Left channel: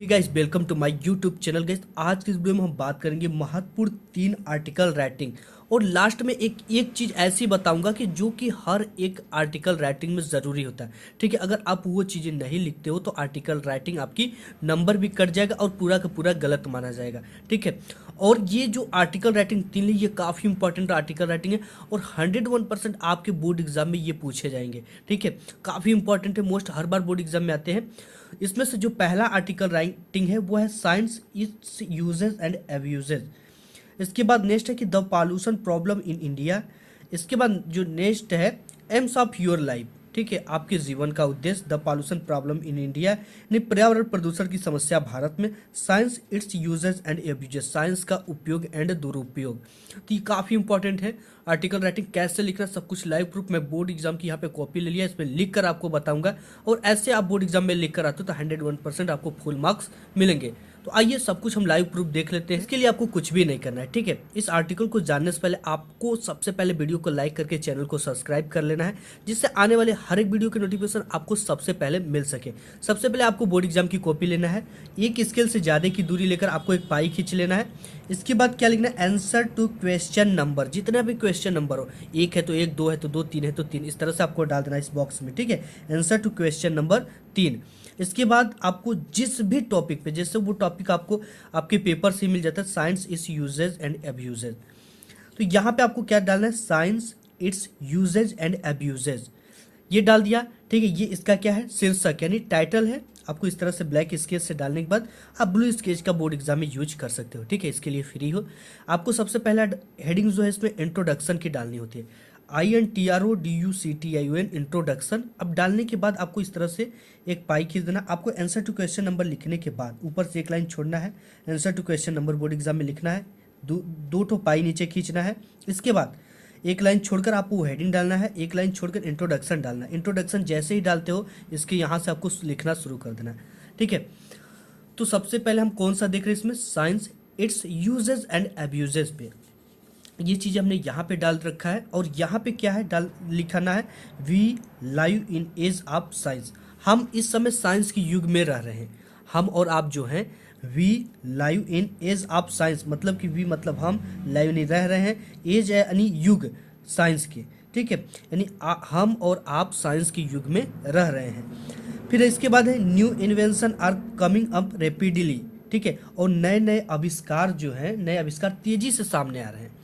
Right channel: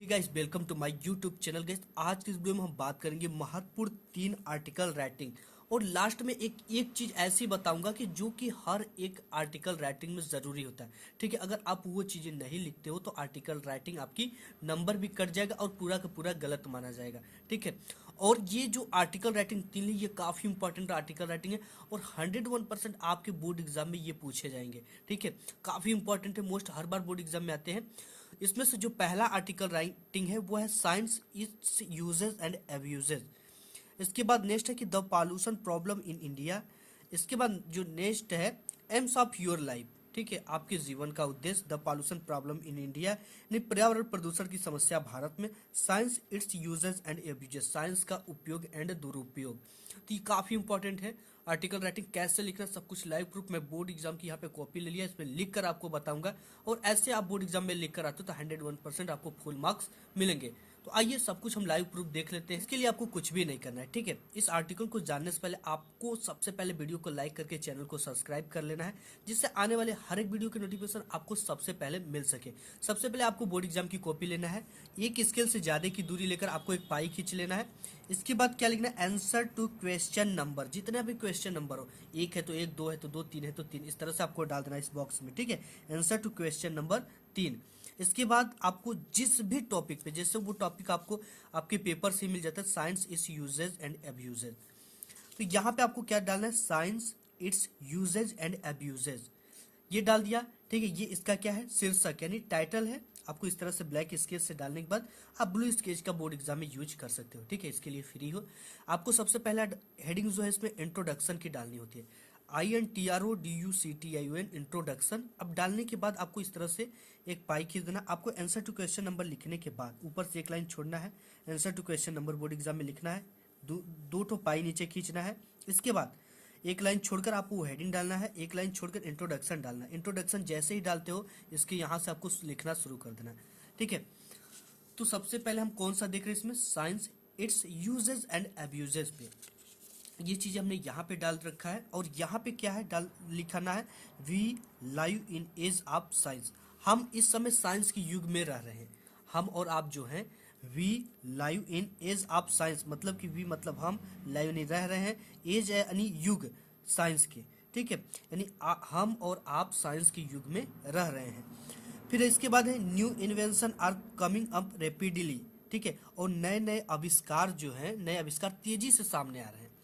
Guys welcome to my YouTube channel. Guys आज की इस वीडियो में हम बात करेंगे महत्वपूर्ण 3 आर्टिकल राइटिंग और लास्ट में एक चीज़ ऐसी बताऊंगा कि जो कि हर एक आर्टिकल राइटिंग में ज़रूरी होता है। ठीक है, अगर आप वो चीज़ें नहीं लिखते हो तो आर्टिकल राइटिंग आपकी नंबर भी कट जाएगा और पूरा का पूरा गलत माना जाएगा। ठीक है, और ये जो आर्टिकल राइटिंग 3 ली ये काफ़ी इंपॉर्टेंट आर्टिकल राइटिंग है और 101% आपके बोर्ड एग्जाम में ये पूछे जाएंगे। ठीक है, काफ़ी इंपॉर्टेंट है, मोस्ट हर बार बोर्ड एग्जाम में आते हैं। इसमें से जो पहला आर्टिकल राइटिंग है वो है science it's uses and abuses. इसके बाद नेक्स्ट है कि the pollution problem in India. इसके बाद जो नेक्स्ट है एम्स ऑफ योर लाइफ। ठीक है, आपके जीवन का उद्देश्य the pollution problem in India यानी पर्यावरण प्रदूषण की समस्या भारत में। Science it's uses and abuses, science का उपयोग एंड दुरुपयोग। तो ये काफ़ी इंपॉर्टेंट है। आर्टिकल राइटिंग कैसे लिखना सब कुछ लाइव प्रूफ मैं बोर्ड एग्जाम की यहाँ पे कॉपी ले लिया, इसमें लिख कर आपको बताऊंगा और ऐसे आप बोर्ड एग्जाम में लिख कर आते हो तो 101% आपको फुल मार्क्स मिलेंगे। तो आइए सब कुछ हम लाइव प्रूफ देख लेते हैं। इसके लिए आपको कुछ भी नहीं करना है। ठीक है, इस आर्टिकल को जानने से पहले आपको सबसे पहले वीडियो को लाइक करके चैनल को सब्सक्राइब कर लेना है, जिससे आने वाले हर एक वीडियो के नोटिफिकेशन आपको सबसे पहले मिल सके। सबसे पहले आपको बोर्ड एग्जाम की कॉपी लेना है, एक स्केल से ज़्यादा की दूरी लेकर आपको एक पाई खींच लेना है। इसके बाद क्या लिखना है, आंसर टू क्वेश्चन नंबर, जितना भी क्वेश्चन नंबर हो, एक है तो एक, दो है तो दो, तीन है तो तीन, इस तरह से आपको डाल देना इस बॉक्स में। ठीक है, आंसर टू क्वेश्चन नंबर 3। इसके बाद आपको जिस भी टॉपिक पे, जैसे वो टॉपिक आपको आपके पेपर से मिल जाता है, science is uses and abuses, तो यहाँ पे आपको क्या डालना है, science its uses and abuses, ये डाल दिया। ठीक है, ये इसका क्या है, शीर्षक यानी टाइटल है। आपको इस तरह से ब्लैक स्केच से डालने के बाद आप ब्लू स्केच का बोर्ड एग्जाम में यूज कर सकते हो। ठीक है, इसके लिए फ्री हो। आपको सबसे पहला हेडिंग जो है इसमें इंट्रोडक्शन की डालनी होती है, INTRODUCTION इंट्रोडक्शन। अब डालने के बाद आपको इस तरह से एक पाई खींच देना। आपको आंसर टू क्वेश्चन नंबर लिखने के बाद ऊपर से एक लाइन छोड़ना है, answer to question number board exam में लिखना है, दो ठो पाई नीचे खींचना है। इसके बाद एक लाइन छोड़कर आपको हेडिंग डालना है, एक लाइन छोड़कर इंट्रोडक्शन डालना है। इंट्रोडक्शन जैसे ही डालते हो इसके यहाँ से आपको लिखना शुरू कर देना है। ठीक है, तो सबसे पहले हम कौन सा देख रहे हैं इसमें, science it's uses and abuses पे ये चीज़ हमने यहाँ पे डाल रखा है। और यहाँ पे क्या है डाल लिखाना है, we live in age of science. हम इस समय साइंस के युग में रह रहे हैं, हम और आप जो हैं, we live in age of science, मतलब कि वी मतलब हम, लाइव नहीं रह रहे हैं, एज है यानी युग साइंस के। ठीक है, यानी हम और आप साइंस के युग में रह रहे हैं। फिर इसके बाद है new invention are coming up rapidly. ठीक है, और नए नए आविष्कार जो है, नए आविष्कार तेजी से सामने आ रहे हैं।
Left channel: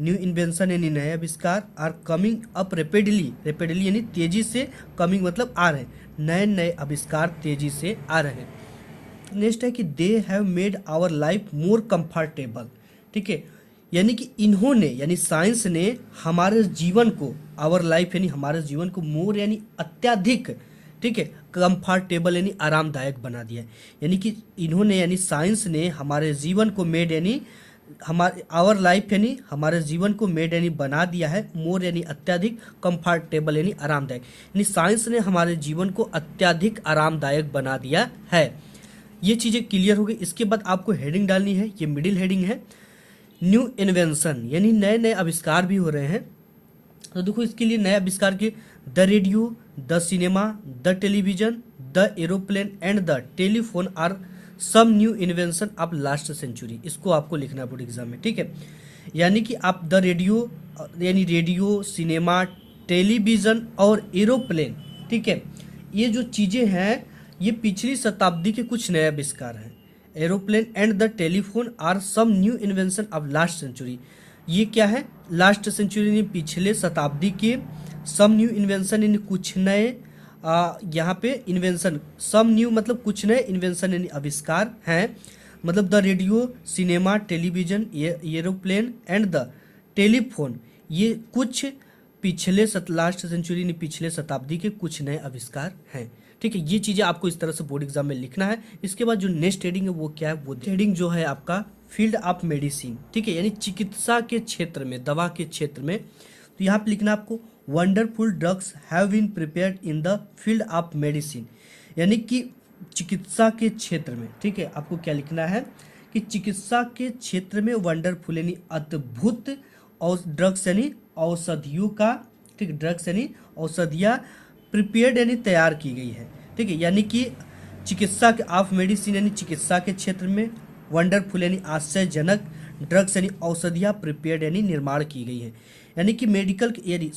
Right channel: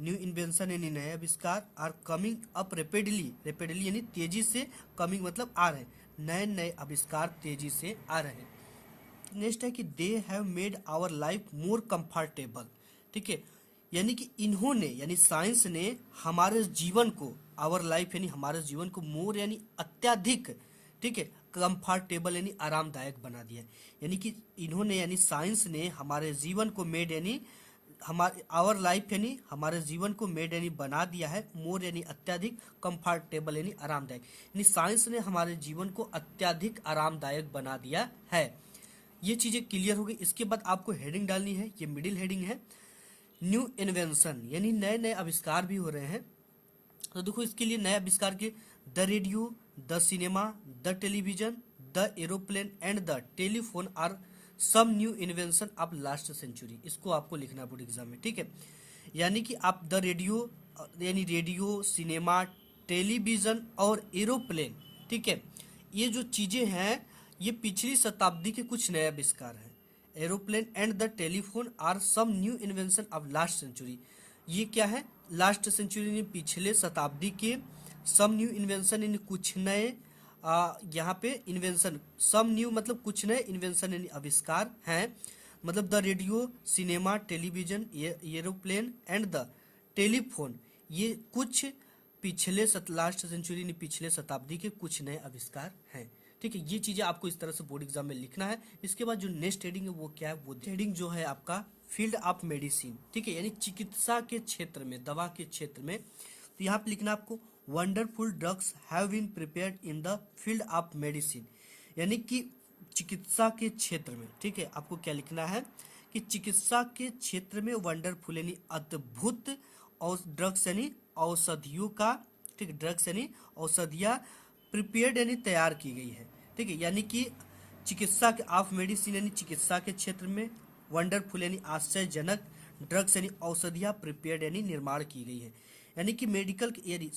न्यू इन्वेंशन यानी नए आविष्कार, are coming up rapidly, rapidly यानी तेजी से, कमिंग मतलब आ रहे हैं, नए नए आविष्कार तेजी से आ रहे हैं। नेक्स्ट है कि they have made our life more comfortable. ठीक है, यानी कि इन्होंने यानी साइंस ने हमारे जीवन को, आवर लाइफ यानी हमारे जीवन को, मोर यानी अत्यधिक, ठीक है, कंफर्टेबल यानी आरामदायक बना दिया है। यानी कि इन्होंने यानी साइंस ने हमारे जीवन को, मेड यानी हमारे, आवर लाइफ यानी हमारे जीवन को, मेड यानी बना दिया है, मोर यानी अत्यधिक, कंफर्टेबल यानी आरामदायक, यानी साइंस ने हमारे जीवन को अत्यधिक आरामदायक बना दिया है। ये चीज़ें क्लियर हो गई। इसके बाद आपको हेडिंग डालनी है, ये मिडिल हेडिंग है, न्यू इन्वेंशन यानी नए नए आविष्कार भी हो रहे हैं। तो देखो इसके लिए नए आविष्कार के, the radio, the cinema, the television, the aeroplane and the telephone are some new invention of last century. इसको आपको लिखना है बोर्ड एग्जाम में। ठीक है, यानी कि आप द रेडियो यानी रेडियो, सिनेमा, टेलीविज़न और एरोप्लेन, ठीक है, ये जो चीज़ें हैं ये पिछली शताब्दी के कुछ नए आविष्कार हैं। Aeroplane and the telephone are some new invention of last century, ये क्या है, लास्ट सेंचुरी यानी पिछले शताब्दी के, सम न्यू इन्वेंशन यानी कुछ नए, यहाँ पे इन्वेंशन, सम न्यू मतलब कुछ नए, इन्वेंशन यानी आविष्कार हैं, मतलब the radio, cinema, television, aeroplane and the telephone, ये कुछ पिछले लास्ट सेंचुरी यानी पिछले शताब्दी के कुछ नए आविष्कार हैं। ठीक है, ये चीज़ें आपको इस तरह से बोर्ड एग्जाम में लिखना है। इसके बाद जो नेक्स्ट हेडिंग है वो क्या है, वो हेडिंग जो है आपका फील्ड ऑफ मेडिसिन। ठीक है, यानी चिकित्सा के क्षेत्र में, दवा के क्षेत्र में। तो यहाँ पे लिखना आपको, wonderful drugs have been prepared in the field of medicine, यानी कि चिकित्सा के क्षेत्र में। ठीक है, आपको क्या लिखना है कि चिकित्सा के क्षेत्र में वंडरफुल यानी अद्भुत, और ड्रग्स यानी औषधियों का, ठीक, ड्रग्स यानी औषधियाँ, प्रिपेयर्ड यानी तैयार की गई है। ठीक है, यानी कि चिकित्सा के ऑफ मेडिसिन यानी चिकित्सा के क्षेत्र में, वंडरफुल यानी आश्चर्यजनक, ड्रग्स यानी औषधियाँ प्रिपेयर्ड यानी निर्माण की गई है। यानी कि मेडिकल यानी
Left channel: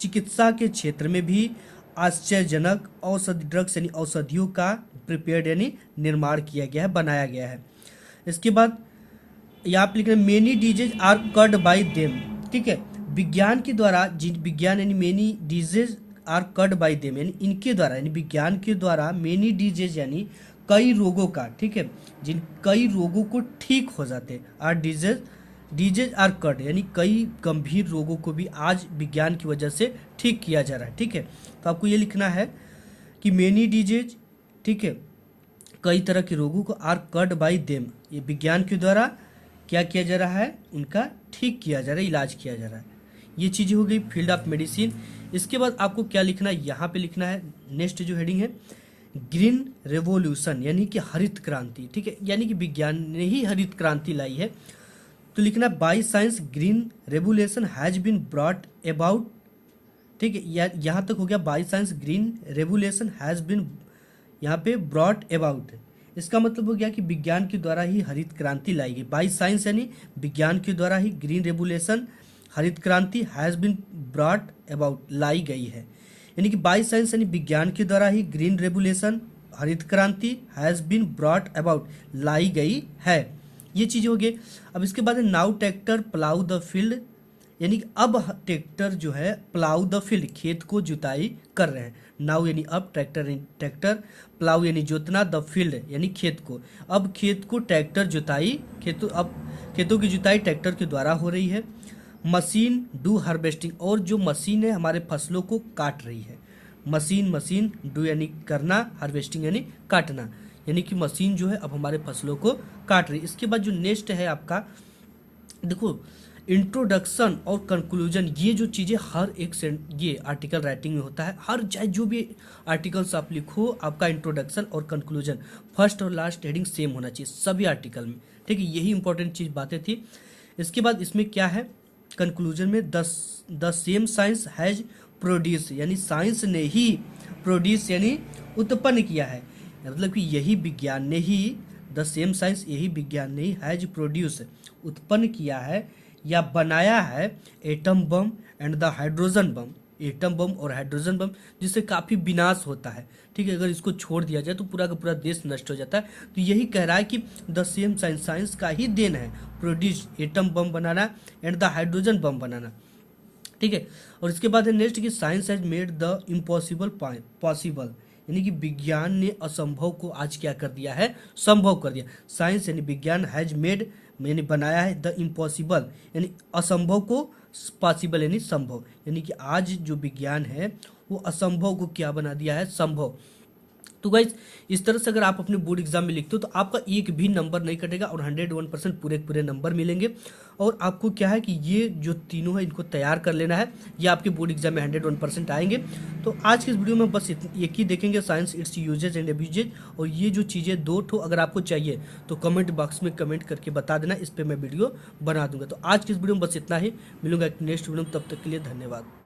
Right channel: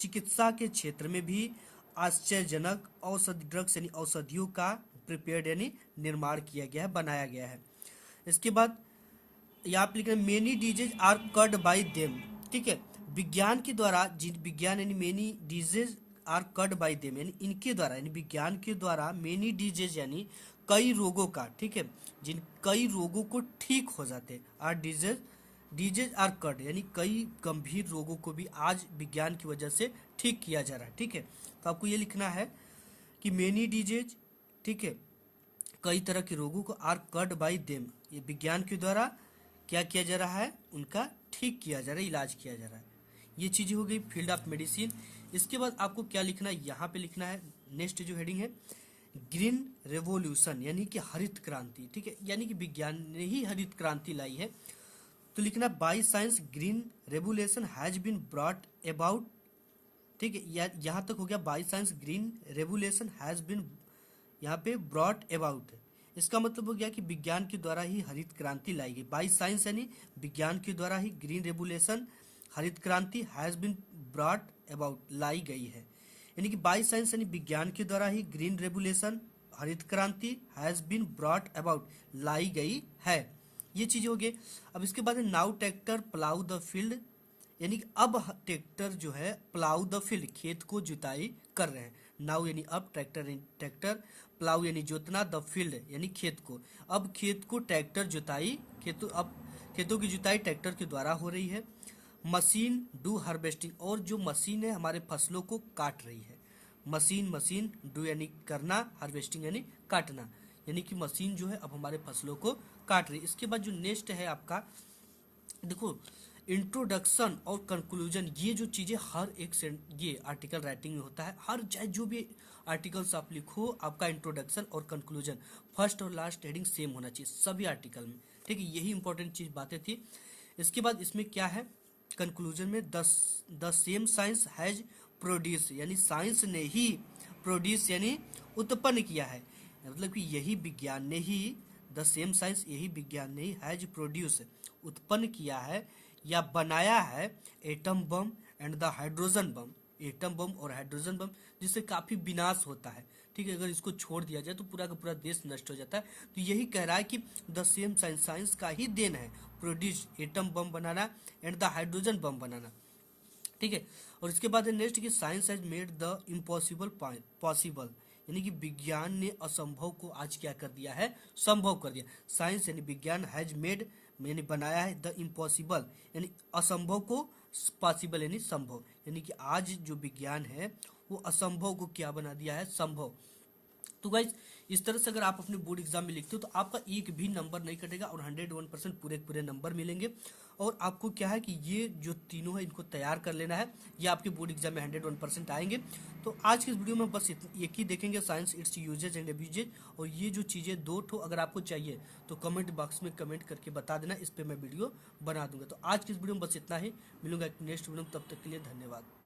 चिकित्सा के क्षेत्र में भी आश्चर्यजनक औषधि, ड्रग्स यानी औषधियों का प्रिपेयर्ड यानी निर्माण किया गया है, बनाया गया है। इसके बाद यहाँ पे लिख रहे हैं many disease are cured by them, ठीक है। विज्ञान के द्वारा विज्ञान यानी many disease are cured by them यानी इनके द्वारा, यानी विज्ञान के द्वारा मेनी डिजीज यानी कई रोगों का, ठीक है, जिन कई रोगों को ठीक हो जाते हैं। आर डिजीज आर कर्ड यानी कई गंभीर रोगों को भी आज विज्ञान की वजह से ठीक किया जा रहा है, ठीक है। तो आपको ये लिखना है कि मेनी डिजीज, ठीक है, कई तरह के रोगों को आर कर्ड बाई देम, ये विज्ञान के द्वारा क्या किया जा रहा है, उनका ठीक किया जा रहा है, इलाज किया जा रहा है। ये चीज़ें हो गई फील्ड ऑफ मेडिसिन। इसके बाद आपको क्या लिखना है, यहाँ पे लिखना है नेक्स्ट जो हेडिंग है ग्रीन रेवोल्यूशन यानी कि हरित क्रांति, ठीक है, यानी कि विज्ञान ने ही हरित क्रांति लाई है। तो लिखना by science green revolution has been brought about, ठीक है, यहाँ तक हो गया। By science green revolution has been यहाँ पे ब्रॉट अबाउट, इसका मतलब हो गया कि विज्ञान के द्वारा ही हरित क्रांति लाई गई। बाई साइंस यानी विज्ञान के द्वारा ही ग्रीन रेवोल्यूशन हरित क्रांति हैज बीन ब्रॉट अबाउट लाई गई है। यानी कि बाई साइंस यानी विज्ञान के द्वारा ही ग्रीन रेवोल्यूशन हरित क्रांति हैज बीन ब्रॉट अबाउट लाई गई है। ये चीज हो गई। अब इसके बाद now tractor plough the field, यानी कि अब ट्रैक्टर जो है प्लाउ द फील्ड खेत को जुताई कर रहे हैं। नाउ यानी अब, ट्रैक्टर प्लाउ यानी जोतना, द फील्ड यानी खेत को। अब खेत को ट्रैक्टर जुताई, अब खेतों की जुताई ट्रैक्टर के द्वारा हो रही है। मशीन डू हार्वेस्टिंग, और जो मशीन है हमारे फसलों को काट रही है। मशीन डू यानी करना, हार्वेस्टिंग यानी काटना, यानी कि मशीन जो है अब हमारे फसलों को काट रही है। इसके बाद जो नेक्स्ट है आपका, देखो इंट्रोडक्शन और कंक्लूजन, ये जो चीज़ें हर एक ये आर्टिकल राइटिंग में होता है। हर चाहे जो भी आर्टिकल्स आप लिखो, आपका इंट्रोडक्शन और कंक्लूजन फर्स्ट और लास्ट हेडिंग सेम होना चाहिए सभी आर्टिकल में, ठीक है। यही इंपॉर्टेंट चीज़ बातें थी। इसके बाद इसमें क्या है, कंक्लूजन में the same science has produce, यानी साइंस ने ही प्रोड्यूस यानी उत्पन्न किया है, मतलब कि यही विज्ञान ने ही, द सेम साइंस यही विज्ञान ने ही हैज प्रोड्यूस उत्पन्न किया है या बनाया है atom bomb and the hydrogen bomb, atom bomb और हाइड्रोजन बम, जिससे काफ़ी विनाश होता है, ठीक है। अगर इसको छोड़ दिया जाए तो पूरा का पूरा देश नष्ट हो जाता है। तो यही कह रहा है कि द सेम साइंस, साइंस का ही देन है प्रोड्यूस एटम बम बनाना एंड द हाइड्रोजन बम बनाना, ठीक है। और इसके बाद है नेक्स्ट कि science has made the impossible possible, यानी कि विज्ञान ने असंभव को आज क्या कर दिया है, संभव कर दिया। साइंस यानी विज्ञान, हैज मेड यानी बनाया है, द इम्पॉसिबल यानी असंभव को पॉसिबल यानी संभव, यानी कि आज जो विज्ञान है वो असंभव को क्या बना दिया है, संभव। तो गाइज इस तरह से अगर आप अपने बोर्ड एग्जाम में लिखते हो तो आपका एक भी नंबर नहीं कटेगा और 101% पूरे नंबर मिलेंगे। और आपको क्या है कि ये जो तीनों है इनको तैयार कर लेना है, ये आपके बोर्ड एग्जाम में 101% आएंगे। तो आज के इस वीडियो में बस एक ही देखेंगे, science its uses and abuses. और ये जो चीज़ें दो ठो अगर आपको चाहिए तो कमेंट बॉक्स में कमेंट करके बता देना, इस पर मैं वीडियो बना दूंगा। तो आज की इस वीडियो में बस इतना ही, मिलूंगा एक नेक्स्ट वीडियो में, तब तक के लिए धन्यवाद।